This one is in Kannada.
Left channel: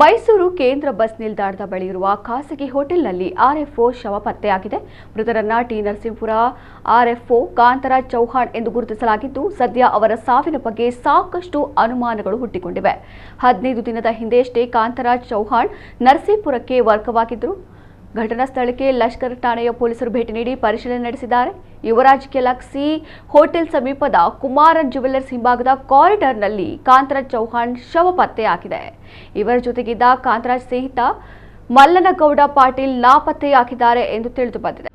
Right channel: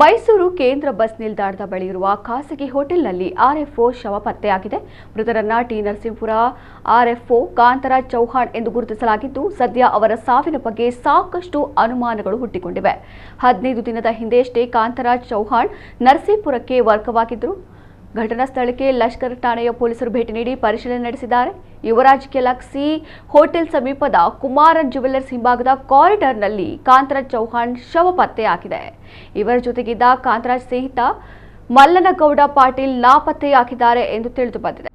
ಮೈಸೂರು ಕೇಂದ್ರ ಬಸ್ ನಿಲ್ದಾಣದ ಬಳಿ ಇರುವ ಖಾಸಗಿ ಹೋಟೆಲ್ನಲ್ಲಿ ಆರ್ಎಫ್ಒ ಶವ ಪತ್ತೆಯಾಗಿದೆ. ಮೃತರನ್ನ ಟಿ ನರಸೀಪುರ ಆರ್ಎಫ್ಒ ಕಾಂತರಾಜ್ ಚೌಹಾಣ್ ಎಂದು ಗುರುತಿಸಲಾಗಿದ್ದು, ಸದ್ಯ ಅವರ ಸಾವಿನ ಬಗ್ಗೆ ಸಾಕಷ್ಟು ಅನುಮಾನಗಳು ಹುಟ್ಟಿಕೊಂಡಿವೆ. 15 ದಿನದ ಹಿಂದೆಯಷ್ಟೇ ಕಾಂತರಾಜ್ ಚೌಹಾಣ್ ನರಸೀಪುರಕ್ಕೆ ವರ್ಗವಾಗಿದ್ದರು. ಘಟನಾ ಸ್ಥಳಕ್ಕೆ ಲಷ್ಕರ್ ಠಾಣೆಯ ಪೊಲೀಸರು ಭೇಟಿ ನೀಡಿ ಪರಿಶೀಲನೆ ನಡೆಸಿದ್ದಾರೆ. ಯುವರಾಜ್ ಗ್ಯಾಲಕ್ಸಿ ಹೋಟೆಲ್ ಸಮೀಪದ ಕುಮಾರನ್ ಜ್ಯುವೆಲ್ಲರ್ಸ್ ಹಿಂಭಾಗದ ಕಾರಿಡಾರ್ನಲ್ಲಿ ಕಾಂತರಾಜ್ ಚೌಹಾಣ್ ಶವ ಪತ್ತೆಯಾಗಿದೆ. ಇವರ ಜೊತೆಗಿದ್ದ ಕಾಂತರಾಜ್ ಸ್ನೇಹಿತ ಮಲ್ಲನಗೌಡ ಪಾಟೀಲ್ ನಾಪತ್ತೆಯಾಗಿದ್ದಾರೆ ಎಂದು ತಿಳಿದು ಬಂದಿದೆ.